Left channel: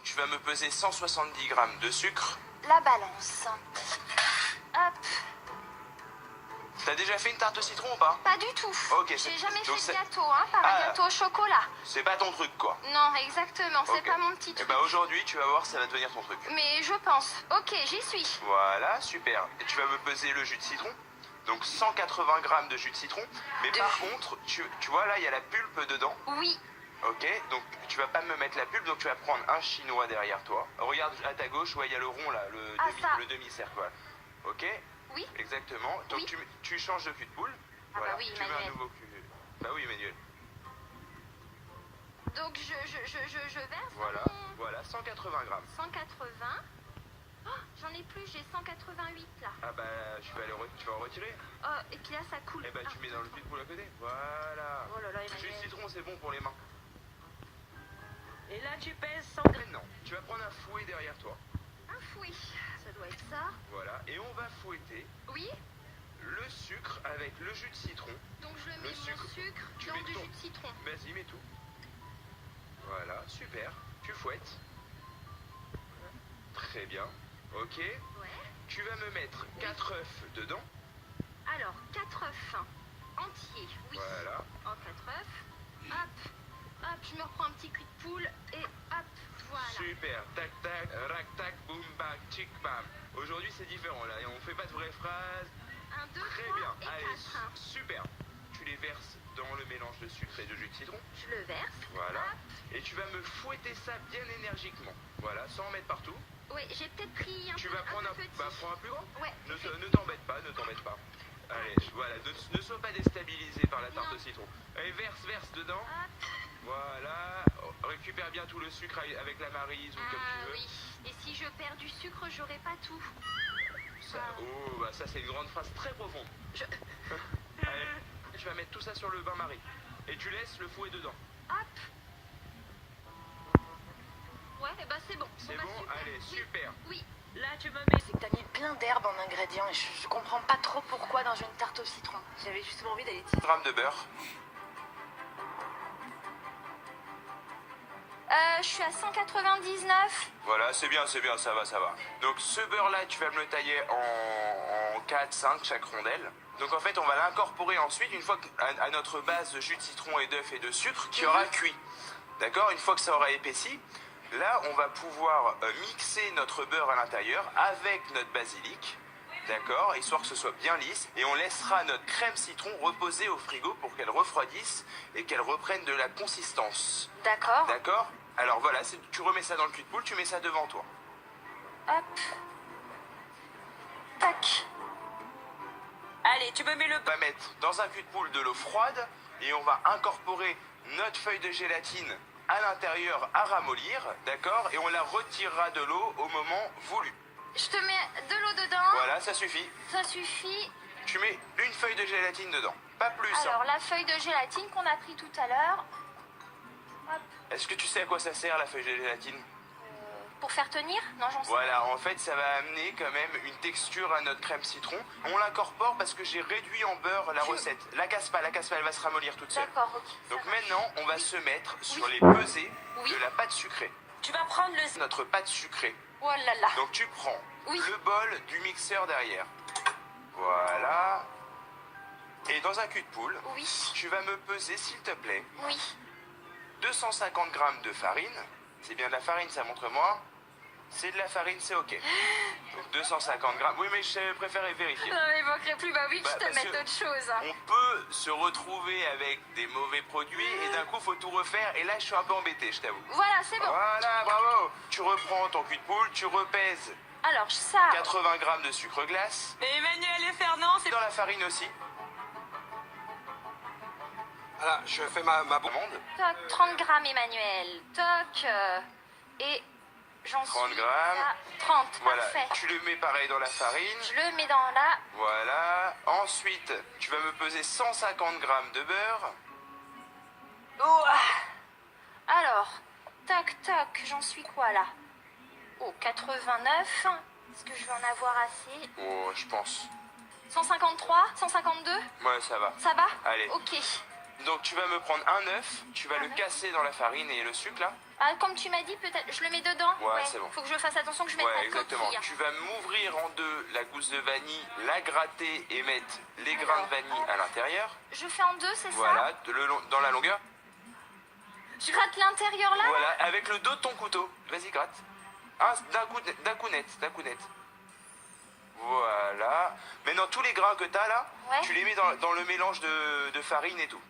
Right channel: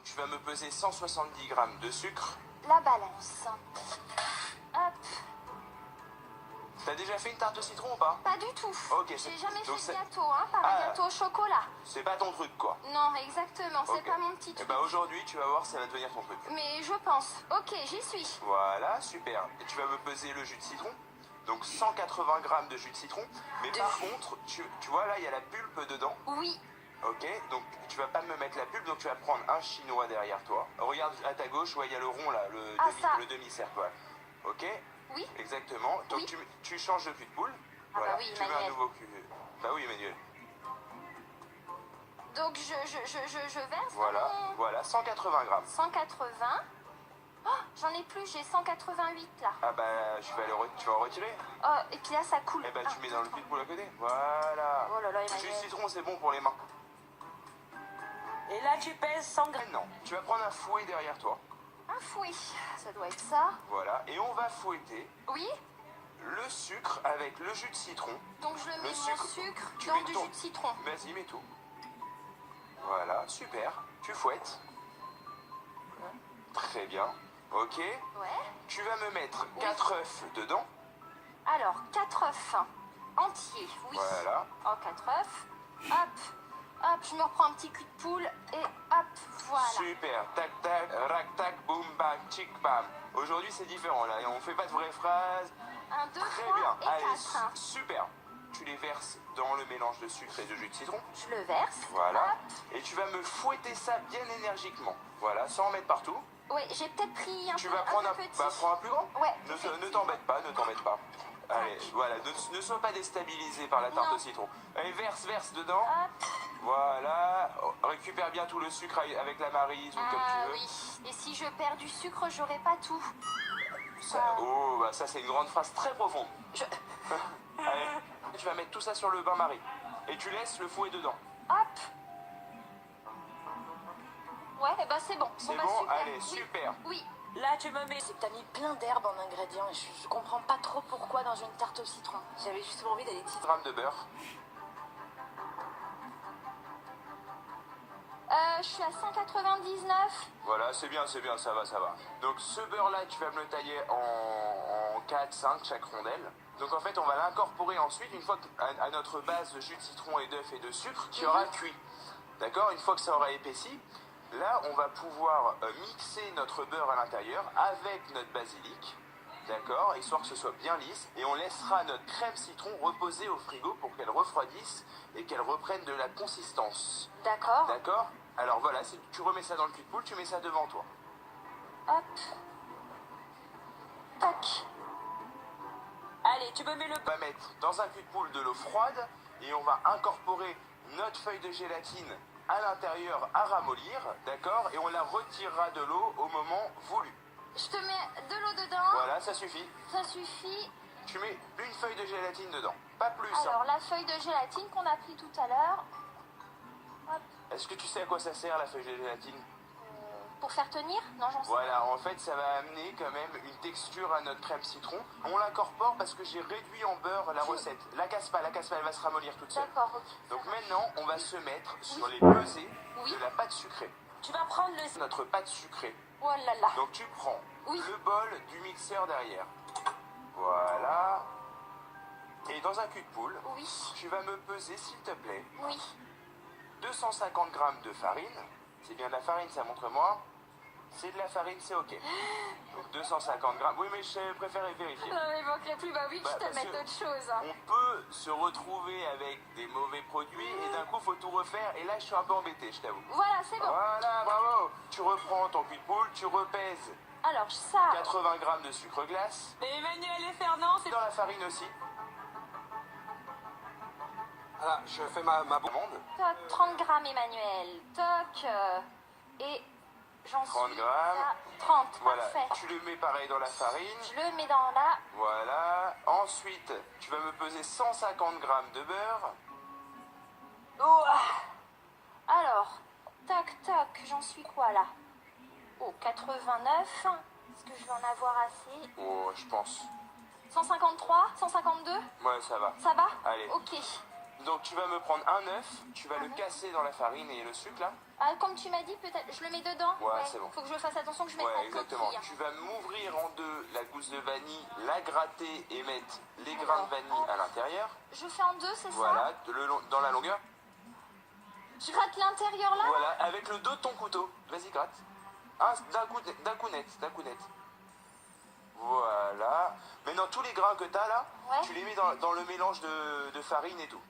Donc tu vas me peser 170 grammes de sucre. La balance. Hop. T'as déjà fait une tarte au citron ou pas? Pas du tout. Ok, J'ai c'est- jamais donc fait de c'est- gâteau, hein, par Ah. un gâteau au chocolat. C'est pas ton truc quoi. Non, exactement, c'est Ok. pas mon petit Et truc. bah aujourd'hui tu vas voir ça va devenir ton truc. Mais je pense. Ok, j'y suis. Voilà, super. Et tu vas me peser le jus de citron. Donc 180 grammes de jus de citron. Mais par contre, tu vois là il y a la pulpe dedans. Oui. Ok, donc tu vas pas me mettre la pulpe, donc tu vas prendre un chinois derrière toi. Regarde à ta gauche, ouais, il y a le rond là, Ah, ça. le demi-cercle. Voilà. Ok, Oui. exactement. Donc Oui. tu changes de cul de poule. Ah Voilà, bah oui, tu veux un Emmanuel. nouveau cul. Bah oui, Emmanuel. Donc je verse Voilà, mon voilà, 180 grammes. 180. Oh, j'en ai plus, j'ai 188 là. Ah bah tu vas en retirer. Oh, et puis là ça coule. Et bah tu Un, mets deux, dans le trois. cul de poule à côté. Voilà. Oh là là, Le jus de Emmanuel. citron c'est bon pour les mains. Et là, tu pèses 100 grammes. Maintenant, tu vas prendre un fouet derrière toi. Un fouet, ça doit être ça. Voilà, et on va fouetter Oui. le sucre avec le jus de citron. Donc je mets Le mon sucre, sucre tu dans mets du ton- jus de citron. Vas-y, mets tout. Voilà, super. Tu fouettes. Très bien. Ok. Ouais. Tu vas me mettre 4 œufs dedans. Alors, 4 œufs entiers. Oui. Voilà. Oh, 4 œufs. Hop. Hop, je me reprends un petit cul de poule et hop, voilà. Super. Tac, tac, rac, tac, boum, bac, tic, bam. Aujourd'hui, c'est différent là. Et on fait pas de vraies phrases. 1, 2, Très 3 bien. et Allez, 4. super. Tu les verses dans le mélange de sucre et de jus de citron. Je le verse. Voilà. Hop. Et tu vas me fouetter ça bien énergiquement. Voilà, sans en mettre partout. Ouais, j'ai peut-être pris un Tu peu, vas prendre un un, peu petit. bah, prends un plus grand. Ouais. Ne t'embête pas, ne t'embête pas. Allez, voilà, ne sois pas déstabilisé par la tarte Non. au citron. Allez, verse dedans. Hop. Voilà, récupère bien tout le sucre avec la maryse ou comme Ah tu veux. oui. Et si je perds du sucre, j'aurai pas tout. Oh, bah ça c'est une grande phrase très profonde. Je- Allez, tu vas mettre tout ça sur le bain-marie. Et tu laisses le fouet dedans. Hop. Ouais, et bah c'est bon. C'est bah, bon. super. Allez, Oui. super. Oui. Là, tu me mets. C'est que t'as mis plein d'herbes en ingrédients et je comprends pas trop pourquoi dans une tarte au citron. J'avais justement envie d'aller 10 grammes de beurre. Je suis à 199. Voilà, c'est bien, ça va. Donc ce beurre-là, tu vas me le tailler en 4, 5 chaque rondelle. Donc en fait, on va l'incorporer ensuite, une fois à notre base de jus de citron et d'œuf et de sucre qui aura cuit. D'accord? Une fois que ça aura épaissi, là, on va pouvoir mixer notre beurre à l'intérieur avec notre basilic. D'accord? Histoire que ce soit bien lisse. Et on laissera notre crème citron reposer au frigo pour qu'elle refroidisse et qu'elle reprenne de la consistance. D'accord. D'accord? Alors voilà, tu remets ça dans le cul de poule, tu mets ça devant toi. Hop. Tac. Allez, tu me mets le. On va mettre dans un cul de poule de l'eau froide et on va incorporer notre feuille de gélatine à l'intérieur à ramollir, d'accord? Et on la retirera de l'eau au moment voulu. Je te mets de l'eau dedans. Voilà, ça suffit. Ça suffit. Tu mets une feuille de gélatine dedans, pas plus. hein. Alors, la feuille de gélatine qu'on a pris tout à l'heure. Hop. Est-ce que tu sais à quoi ça sert la feuille de gélatine? Pour faire tenir? Non, j'en sais Voilà, en fait, ça va amener quand même une texture à notre crème citron. On l'incorpore parce que j'ai réduit en beurre la recette. La casse pas, elle va se ramollir toute seule. D'accord, ok. Donc maintenant, on va se mettre sur Oui. les pesées Oui. de la pâte sucrée. Tu vas prendre le. Notre pâte sucrée. Oh là là. Donc tu prends Oui. le bol du mixeur derrière. Voilà. Et dans un cul de poule, Oui. tu vas me peser, s'il te plaît, Oui. 250 grammes de farine. C'est bien de la farine, ça montre-moi. C'est de la farine, c'est ok. Donc 250 grammes. Oui, mais je préférais vérifier. Non, mais manquerait plus. Bah oui, que Bah, je te parce mette que- autre chose. On peut se retrouver avec des mauvais produits et d'un coup, faut tout refaire. Et là, je suis un peu embêté, je t'avoue. Voilà, c'est bon. Voilà, bravo. Tu reprends ton cul de poule, tu repèses Alors, ça. 80 grammes de sucre glace. Mais Emmanuel et Fernand, c'est. Dans la farine aussi. Voilà, je fais ma Commande. Toc, 30 grammes, Emmanuel. Toc. Et j'en suis 30 grammes. à 30. Voilà, Parfait. tu le mets pareil dans la farine. Je le mets dans la. Voilà. Ensuite, tu vas me peser 150 grammes de beurre. Oh. Alors, toc, toc. J'en suis quoi là? Oh, 89. Est-ce que je vais en avoir assez? Oh, je pense. 153? 152? Ouais, ça va. Ça va? Allez. Ok. Donc, tu vas me prendre un œuf, tu vas Un le œuf. casser dans la farine et le sucre là. Ah, comme tu m'as dit, peut-être, je le mets dedans. Ouais, c'est bon. Faut que je fasse attention que je mette Ouais, pas de exactement. coquille. Tu vas m'ouvrir en deux la gousse de vanille, la gratter et mettre les grains de vanille à l'intérieur. Je fais en deux, c'est Voilà, dans la longueur. ça? Je gratte l'intérieur là? Voilà, avec le dos de ton couteau. Vas-y, gratte. D'un coup net. Voilà. Maintenant, tous les grains que t'as là, Ouais. tu les mets dans le mélange de farine et tout.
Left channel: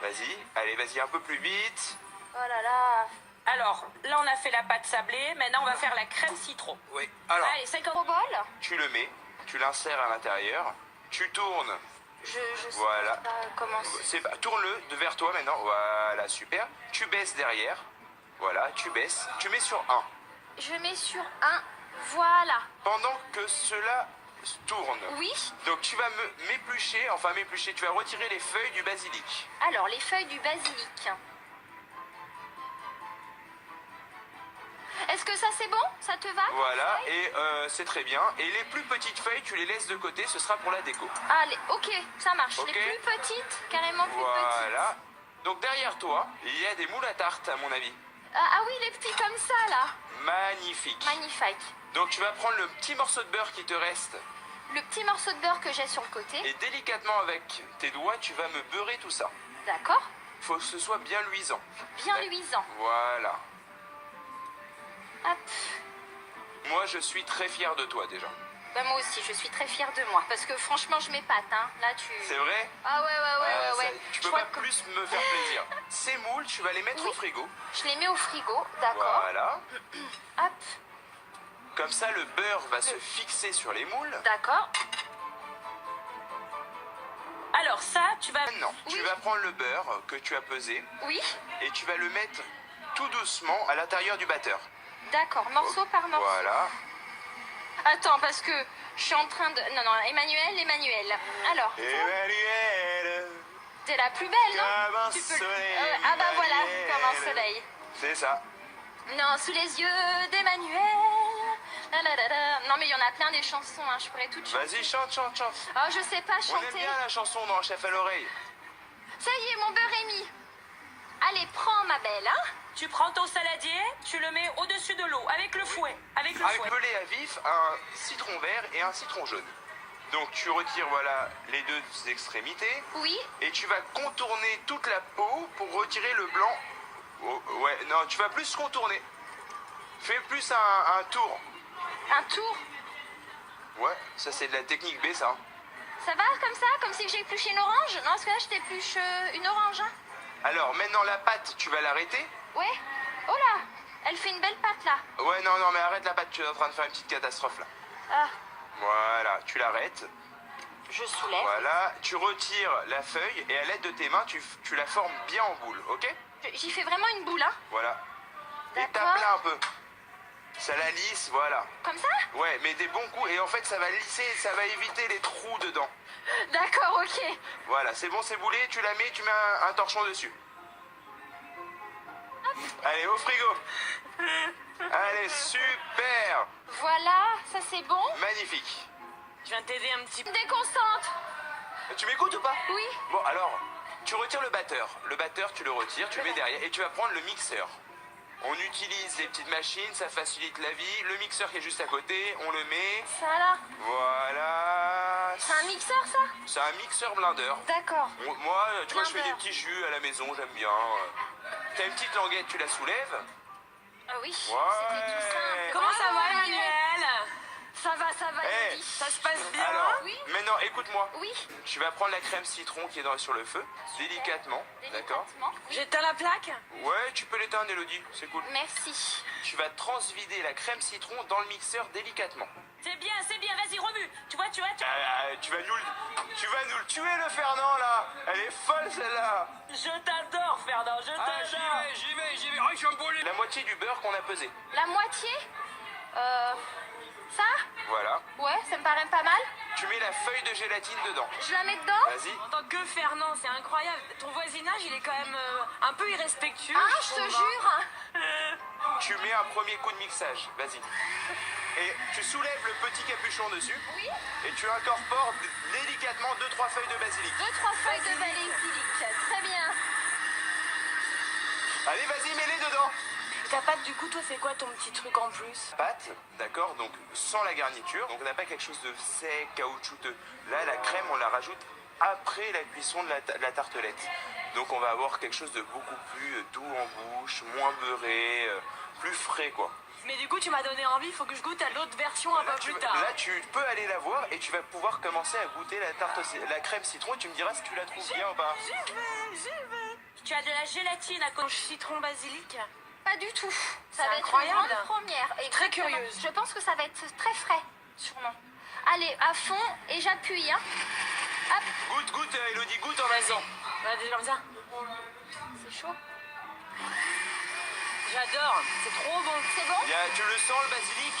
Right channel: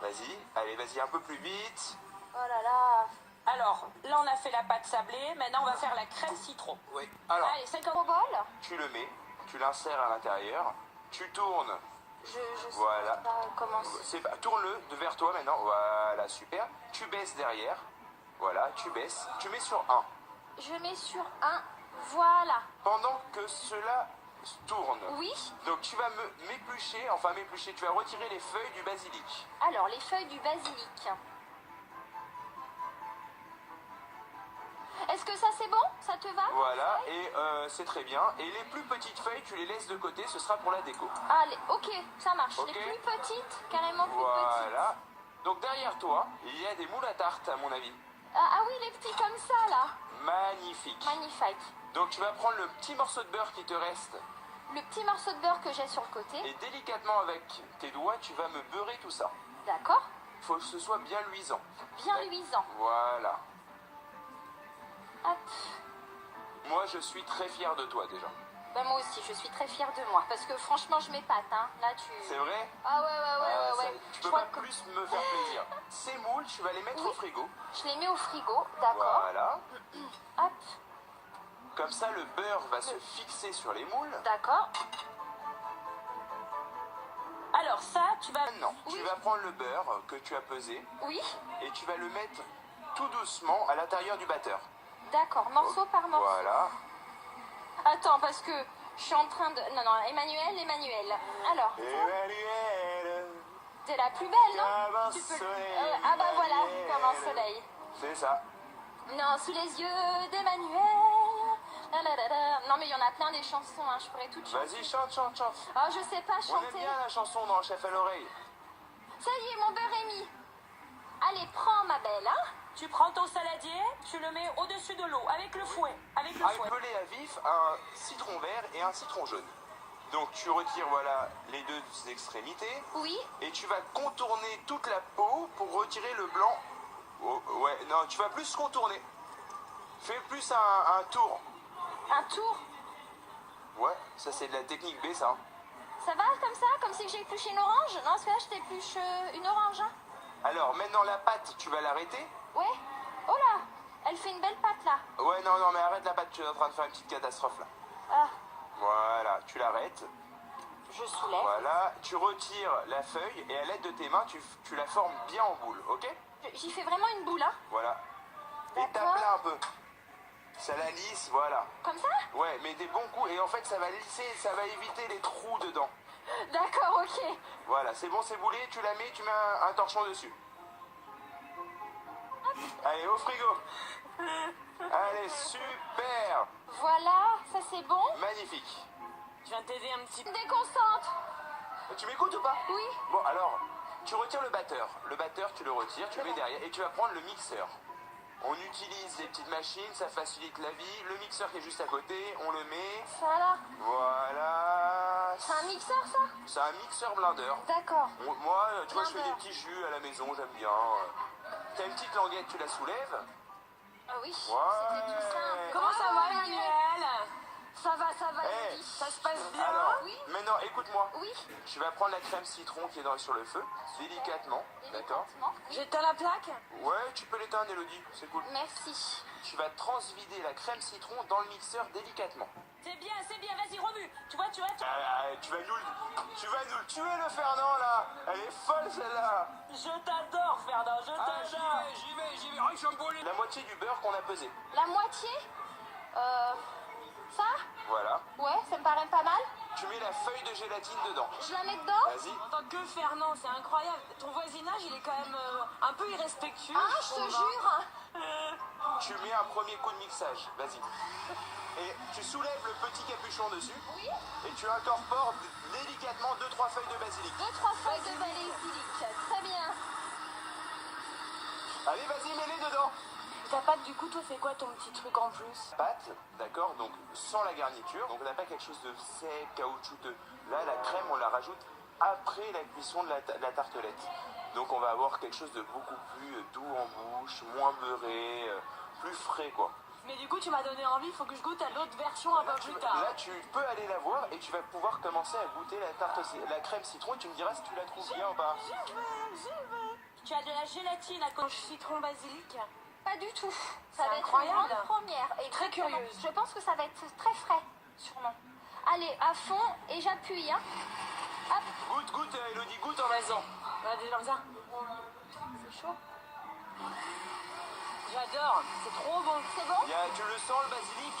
Vas-y, allez, vas-y, un peu plus vite. Oh là là. Alors, là, on a fait la pâte sablée. Maintenant, on va faire la crème citron. Oui. Alors, Allez, 50. Au bol? Tu le mets, tu l'insères à l'intérieur, tu tournes. Je sais Voilà. pas comment c'est. Tourne-le vers toi maintenant. Voilà, super. Tu baisses derrière. Voilà, tu baisses. Tu mets sur 1. Je mets sur un. Voilà. Pendant que cela tourne. Oui. Donc tu vas m'éplucher, tu vas retirer les feuilles du basilic. Alors, les feuilles du basilic. Est-ce que ça c'est bon? Ça te va? Voilà, et c'est très bien. Et les plus petites feuilles, tu les laisses de côté, ce sera pour la déco. Allez, ok, ça marche. Ok. Les plus petites, carrément plus Voilà. Donc derrière toi, il y a des moules à tarte, à mon avis. petites. Ah oui, les petits comme ça là. Magnifique. Magnifique. Donc tu vas prendre le petit morceau de beurre qui te reste Le petit morceau de beurre que j'ai sur le côté. et délicatement avec tes doigts, tu vas me beurrer tout ça. D'accord. Faut que ce soit bien luisant. Bien luisant. Voilà. Hop. Moi, je suis très fier de toi déjà. Bah, moi aussi, je suis très fière de moi. Parce que franchement, je m'épate. Hein. Là, tu. C'est vrai? Ah ouais. Ah, ça- Je Tu peux crois pas que plus me faire plaisir. Ces moules, tu vas les mettre Oui. au frigo. je les mets au frigo. D'accord. Voilà. Hop. Comme ça, le beurre va se fixer sur les moules. D'accord. Alors, ça, tu vas. Maintenant, tu Oui. vas prendre le beurre que tu as pesé Oui. et tu vas le mettre tout doucement à l'intérieur du batteur. D'accord. Morceau par morceau. Voilà. Attends, parce que je suis en train de. Non, Emmanuel. Alors, Emmanuel, t'es la plus belle, non? comme un Tu peux le- soleil, Ah bah voilà, Emmanuel. comme un soleil. C'est ça. Non, sous les yeux d'Emmanuel. La la la la. Non, mais il y en a plein des chansons, hein. Je pourrais toutes chanter. Vas-y, chante. Oh, je sais pas On aime chanter. bien la chanson dans Chef à l'oreille. Ça y est, mon beurre est mis. Allez, prends, ma belle, hein. Tu prends ton saladier, tu le mets au-dessus de l'eau, avec le fouet. Avec le Avec fouet. pelé à vif, un citron vert et un citron jaune. Donc tu retires voilà les deux extrémités Oui. et tu vas contourner toute la peau pour retirer le blanc. Oh, ouais, non, tu vas plus contourner. Fais plus un tour. Un tour. Ouais, ça c'est de la technique B ça. Ça va comme ça? Comme si j'ai épluché une orange? Non, parce que là, je t'épluche une orange, hein. Alors maintenant la pâte, tu vas l'arrêter. Ouais. Oh là. Elle fait une belle pâte, là. Ouais, non, mais arrête la pâte, tu es en train de faire une petite catastrophe là. Ah, Voilà, tu l'arrêtes. je soulève. Voilà, tu retires la feuille et à l'aide de tes mains, tu la formes bien en boule, ok? J'y fais vraiment une boule, hein. Voilà. Et D'accord. tape-la un peu. Ça la lisse, voilà. Comme ça? Ouais, mais des bons coups. Et en fait, ça va lisser, ça va éviter les trous dedans. D'accord, ok. Voilà, c'est bon, c'est boulé. Tu la mets, tu mets un torchon dessus. Allez, au frigo. Allez, super. Voilà, ça c'est bon. Magnifique. Je viens t'aider un petit peu. Déconcentre. Tu m'écoutes ou pas? Oui. Bon, alors, tu retires le batteur. Le batteur, tu le retires, tu le mets derrière. Et tu vas prendre le mixeur. On utilise les petites machines, ça facilite la vie. Le mixeur qui est juste à côté, on le met. Ça là. Voilà. C'est un mixeur, ça? C'est un mixeur blender. D'accord. Moi, tu vois, je fais Blender. des petits jus à la maison, j'aime bien. T'as une petite languette, tu la soulèves. Ah oui, Ouais. c'était tout simple. Comment ça Bravo, va, Emmanuel? Ça va, Eh. Elodie. Ça se passe bien? Alors, Oui. maintenant, écoute-moi. Oui. Tu vas prendre la crème citron qui est sur le feu, délicatement, d'accord? Délicatement. Oui. J'éteins la plaque? Ouais, tu peux l'éteindre, Elodie, c'est cool. Merci. Tu vas transvider la crème citron dans le mixeur délicatement. C'est bien, vas-y, remue. Tu vois. Tu vas nous le tuer, le Fernand, là. Elle est folle, celle-là. Je t'adore, Fernand, je t'adore. j'y vais. Oh, je suis embolé. La moitié du beurre qu'on a pesé. La moitié? Ça? Voilà. Ouais, ça me paraît pas mal. Tu mets la feuille de gélatine dedans. Je la mets dedans? Vas-y. En tant que Fernand, c'est incroyable. Ton voisinage, il est quand même un peu irrespectueux. Ah, je te trouve, jure. Tu mets un premier coup de mixage, vas-y. Et tu soulèves le petit capuchon dessus. Oui. Et tu incorpores délicatement 2-3 feuilles de basilic. 2-3 feuilles de basilic. Très bien. Allez, vas-y, mets-les dedans. Ta pâte, du coup, toi, c'est quoi ton petit truc en plus? Pâte, d'accord, donc sans la garniture. Donc on n'a pas quelque chose de sec, caoutchouteux. Là, la crème, on la rajoute après la cuisson de la tartelette. Donc on va avoir quelque chose de beaucoup plus doux en bouche, moins beurré, plus frais, quoi. Mais du coup, tu m'as donné envie, il faut que je goûte à l'autre version un peu plus tard. Là, tu peux aller la voir et tu vas pouvoir commencer à goûter la crème citron et tu me diras si tu la trouves bien ou pas. J'y vais. Tu as de la gélatine à cause citron basilic? Pas du tout. C'est Ça va être incroyable. une grande première. Très Exactement. curieuse. Je pense que ça va être très frais, sûrement. Allez, à fond et j'appuie. Hein. Hop, Goûte, Elodie, goûte en même temps. Vas-y, comme ça. c'est chaud. J'adore, c'est trop bon. C'est bon? Tu le sens, le basilic?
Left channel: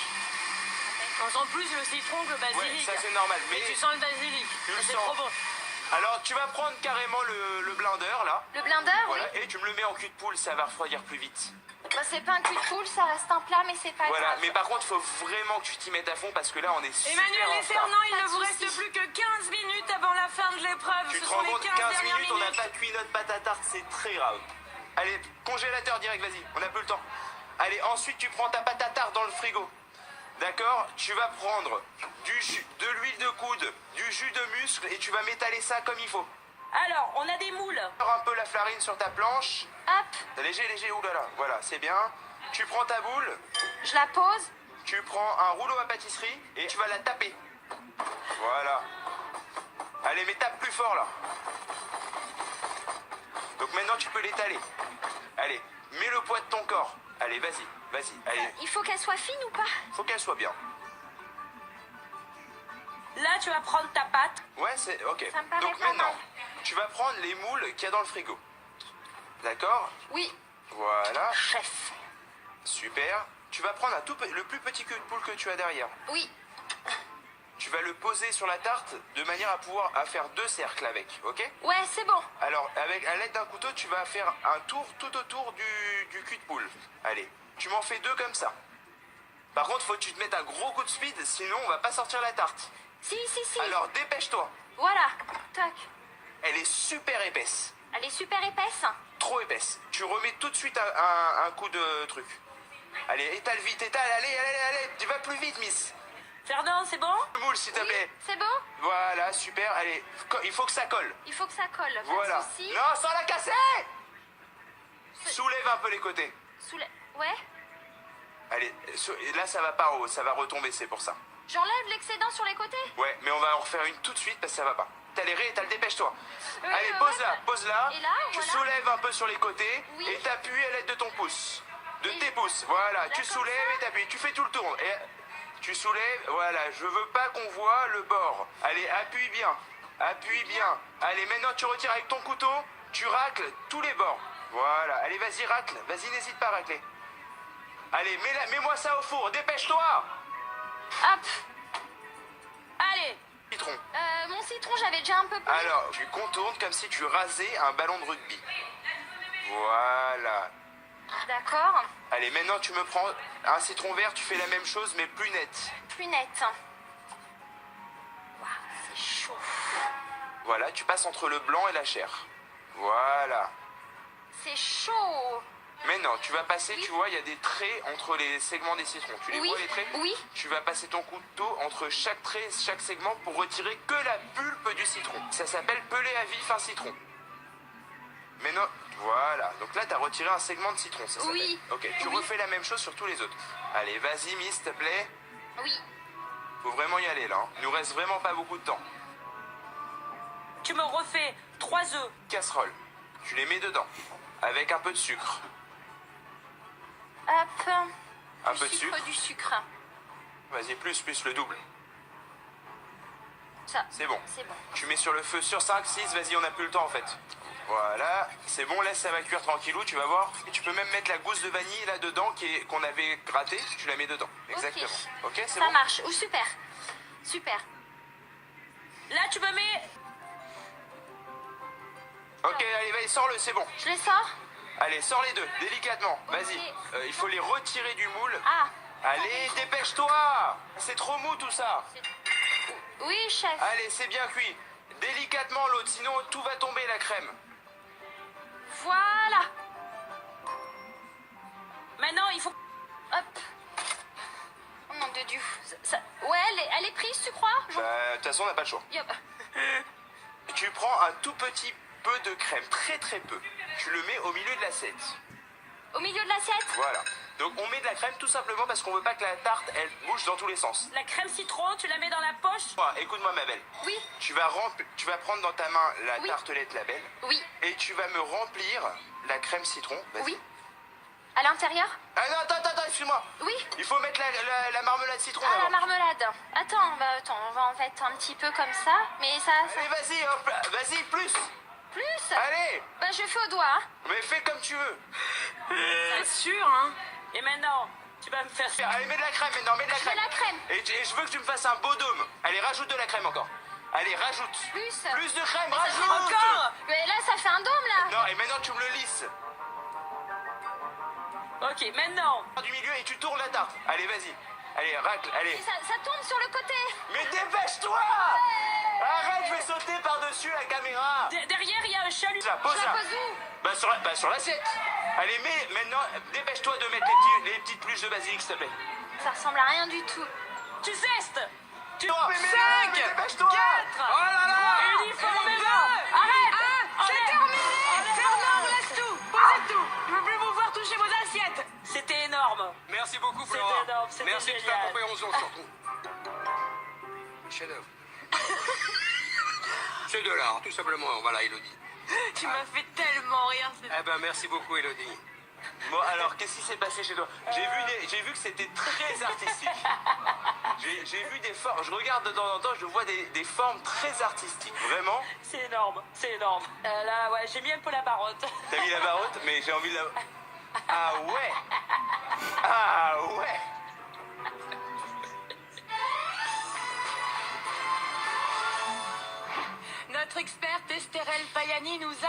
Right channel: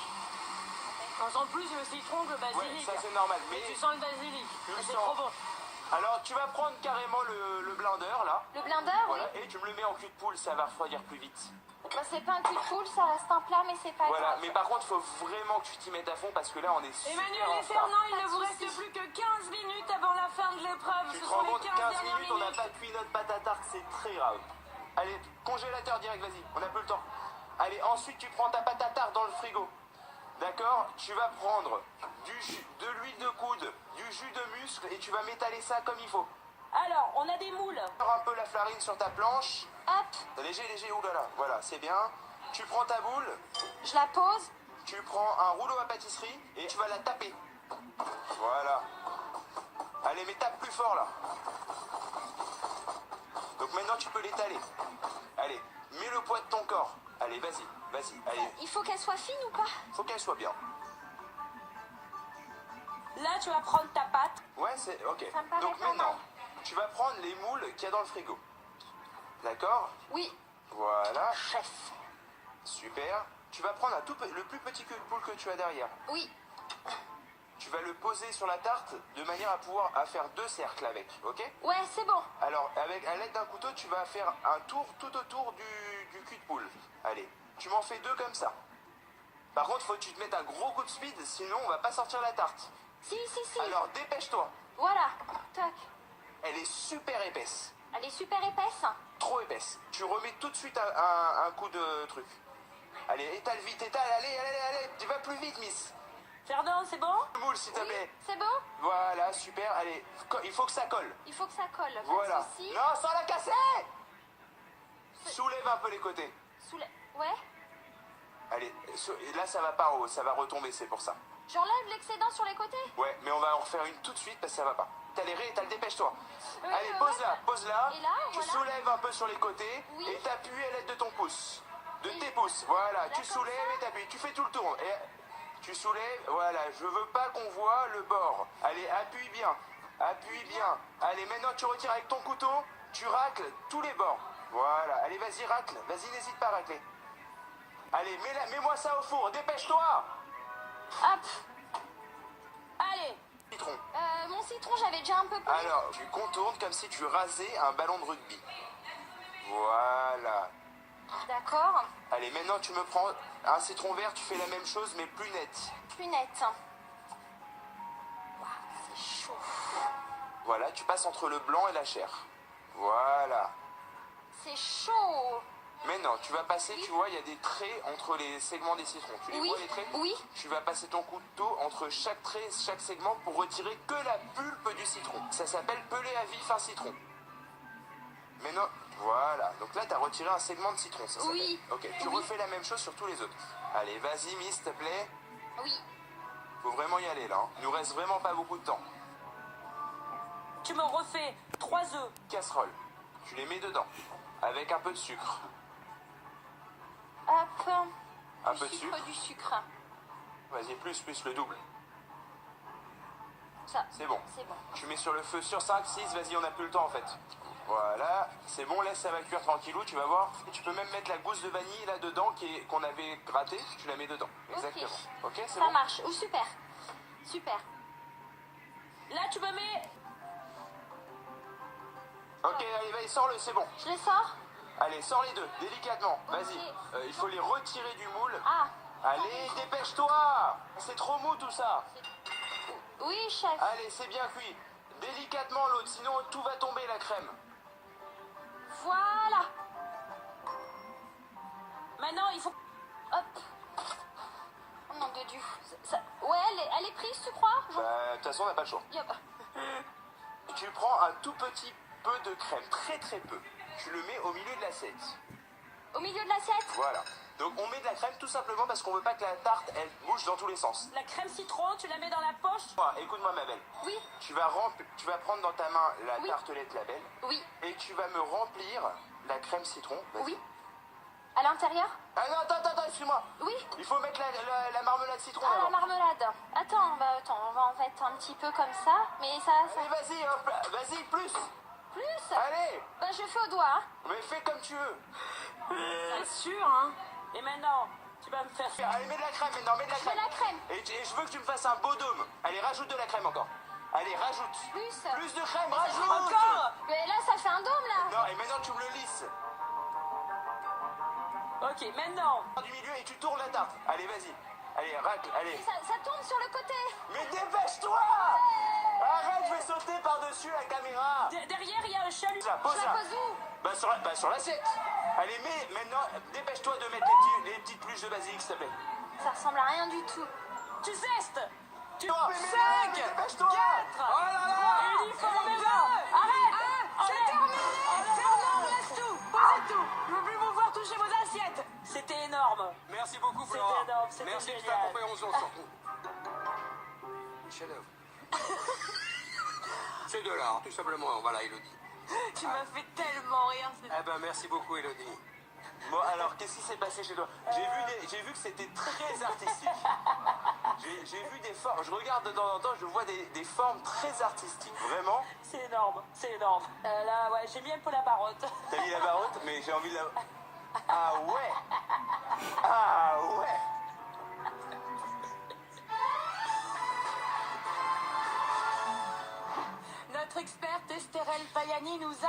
On sent plus le citron que le Ouais, basilic. ça c'est normal. Mais tu sens le basilic. Tu le C'est sens. trop bon. Alors, tu vas prendre carrément le blender, là. Le blender, Voilà, oui. et tu me le mets en cul de poule, ça va refroidir plus vite. Bah, c'est pas un cul de poule, ça reste un plat, mais c'est pas Voilà, grave. mais par contre, faut vraiment que tu t'y mettes à fond parce que là, on est super Emmanuel en et retard. Fernand, il Pas ne de vous soucis. reste plus que 15 minutes avant la fin de l'épreuve. Tu Ce te sont rends les compte, 15 15 dernières minutes, on n'a minutes. pas cuit notre pâte à tarte, c'est très grave. Allez, congélateur direct, vas-y, on n'a plus le temps. Allez, ensuite, tu prends ta pâte à tarte dans le frigo. D'accord? Tu vas prendre de l'huile de coude, du jus de muscle et tu vas m'étaler ça comme il faut. Alors, on a des moules. Un peu la farine sur ta planche. Hop, Léger, oulala, voilà, c'est bien. Tu prends ta boule, je la pose. tu prends un rouleau à pâtisserie et tu vas la taper. Voilà. Allez, mais tape plus fort là. Donc maintenant tu peux l'étaler. Allez, mets le poids de ton corps. Allez, vas-y, allez. Il faut qu'elle soit fine ou pas? Faut qu'elle soit bien. Là, tu vas prendre ta pâte. Ouais, c'est ok. Ça me paraît Donc pas maintenant, mal. tu vas prendre les moules qu'il y a dans le frigo. D'accord? Oui. Voilà, Chef. super. Tu vas prendre le plus petit cul de poule que tu as derrière. Oui. Tu vas le poser sur la tarte de manière à faire 2 cercles avec, ok? Ouais, c'est bon. Alors, à l'aide d'un couteau, tu vas faire un tour tout autour du cul de poule. Allez, tu m'en fais 2 comme ça. Par contre, faut que tu te mettes un gros coup de speed, sinon on va pas sortir la tarte. Si. Alors, dépêche-toi. Voilà. Tac. Elle est super épaisse. Elle est super épaisse. Trop épaisse. Tu remets tout de suite un coup de truc. Allez, étale vite, allez, tu vas plus vite, miss. Fernand, c'est bon? Moule, s'il te Oui. plaît. C'est bon? Voilà, super, allez, il faut que ça colle. Il faut que ça colle. Pas Voilà. de soucis. Non, sans la casser. Soulève un peu les côtés. Ouais. Allez, là ça va pas, ça va retomber, c'est pour ça. J'enlève l'excédent sur les côtés? Ouais, mais on va en refaire une tout de suite parce que ça va pas. T'as le dépêche-toi. Oui, Allez, ouais, pose-la. Et là, Tu voilà. soulèves un peu sur les côtés Oui. et t'appuies à l'aide de ton pouce. De Et- tes pouces, voilà. Là, Tu comme soulèves ça et t'appuies. Tu fais tout le tour. Et tu soulèves, voilà. Je veux pas qu'on voit le bord. Allez, appuie bien. Appuie bien. Allez, maintenant tu retires avec ton couteau. Tu racles tous les bords. Voilà. Allez, vas-y, racle. Vas-y, n'hésite pas à racler. Allez, mets-moi ça au four. Dépêche-toi. Hop. Allez. Citron. Mon citron, j'avais déjà un peu pris. Alors, tu contournes comme si tu rasais un ballon de rugby. Voilà. D'accord. Allez, maintenant tu me prends un citron vert, tu fais la même chose mais plus net. Plus nette. Waouh, c'est chaud. Voilà, tu passes entre le blanc et la chair. Voilà. C'est chaud. Maintenant, tu vas passer, Oui. tu vois, il y a des traits entre les segments des citrons. Tu les Oui. vois les traits? Oui. Tu vas passer ton couteau entre chaque trait, chaque segment pour retirer que la pulpe du citron. Ça s'appelle peler à vif un citron. Maintenant, voilà. Donc là, tu as retiré un segment de citron, ça s'appelle. Oui. Ok, tu Oui. refais la même chose sur tous les autres. Allez, vas-y, miss, s'il te plaît. Oui. Faut vraiment y aller là. Hein. Il nous reste vraiment pas beaucoup de temps. Tu me refais 3 œufs. Casserole. Tu les mets dedans. Avec un peu de sucre. Hop. Un Du peu de sucre, sucre. du sucre. Vas-y, plus, le double. Ça. C'est bon. C'est bon. Tu mets sur le feu sur 5, 6, vas-y, on n'a plus le temps en fait. Voilà, c'est bon, laisse ça va cuire tranquillou, tu vas voir. Et tu peux même mettre la gousse de vanille là-dedans qu'on avait grattée, tu la mets dedans. Exactement. Ok, c'est Ça bon. marche. Oh, super. Super. Là, tu me mets... Ok, allez, vas-y, sors-le, c'est bon. Je les sors? Allez, sors les deux, délicatement. Ok. Vas-y, il faut les retirer du moule. Ah. Allez, dépêche-toi. C'est trop mou tout ça. Oui, chef. Allez, c'est bien cuit. Délicatement l'autre, sinon tout va tomber la crème. Voilà. Maintenant, il faut... Hop. Oh nom de Dieu. Ouais, elle est prise, tu crois? Bah, de toute façon, on n'a pas le choix. Yup. Tu prends un tout petit peu de crème, très très peu. Tu le mets au milieu de l'assiette. Au milieu de l'assiette? Voilà. Donc on met de la crème tout simplement parce qu'on veut pas que la tarte, elle bouge dans tous les sens. La crème citron, tu la mets dans la poche. Écoute-moi ma belle. Oui, Tu vas prendre dans ta main la Oui. tartelette Label oui, et tu vas me remplir la crème citron. Vas-y. oui. À l'intérieur? Ah non, attends, excuse-moi. Oui. Il faut mettre la marmelade citron Ah, la d'abord. marmelade. Attends, on va en mettre un petit peu comme ça. Mais ça... Allez, vas-y, hop, vas-y, plus. Plus? Allez, Bah, je fais au doigt. Hein. mais fais comme tu veux. C'est sûr, hein. Et maintenant, tu vas me faire... Allez, mets de la crème maintenant, mets de la Je mets crème. la crème. Et je veux que tu me fasses un beau dôme. Allez, rajoute de la crème encore. Allez, rajoute. Plus. Plus de crème, rajoute. Encore. Mais là, ça fait un dôme, là. Non, et maintenant tu me le lisses. Ok, maintenant. Du milieu et tu tournes la tarte. Allez, vas-y. Allez, racle, allez. Et ça tombe sur le côté. Mais dépêche-toi. Arrête, je vais sauter par-dessus la caméra. Derrière, il y a un chalut. Ça, pose Je la là. pose où? Bah sur l'assiette. Allez, mais maintenant, dépêche-toi de mettre les petites pluches de basilic, s'il te plaît. Ça ressemble à rien du tout. Tu zestes. Tu... Mais dépêche-toi. Oh là là. Uniformément. Arrête. C'est terminé. Fernand, laisse tout. Posez tout. Je veux plus vous voir toucher vos assiettes. C'était énorme. Merci beaucoup, C'était Flora. énorme, c'était Merci de ta génial. compréhension, surtout. Le chef-d'œuvre. C'est de l'art, tout simplement. Voilà, Elodie. Tu m'as fait tellement rire. Eh ben, merci beaucoup, Elodie. Bon, alors, qu'est-ce qui s'est passé chez toi? J'ai vu que c'était très artistique. J'ai vu des formes. Je regarde de temps en temps, je vois des formes très artistiques. Vraiment. C'est énorme, c'est énorme. Là, ouais, j'ai mis un peu la barotte. T'as mis la barotte, mais j'ai envie de la... Ah ouais. Ah ouais. Notre experte Estérelle Payani nous a...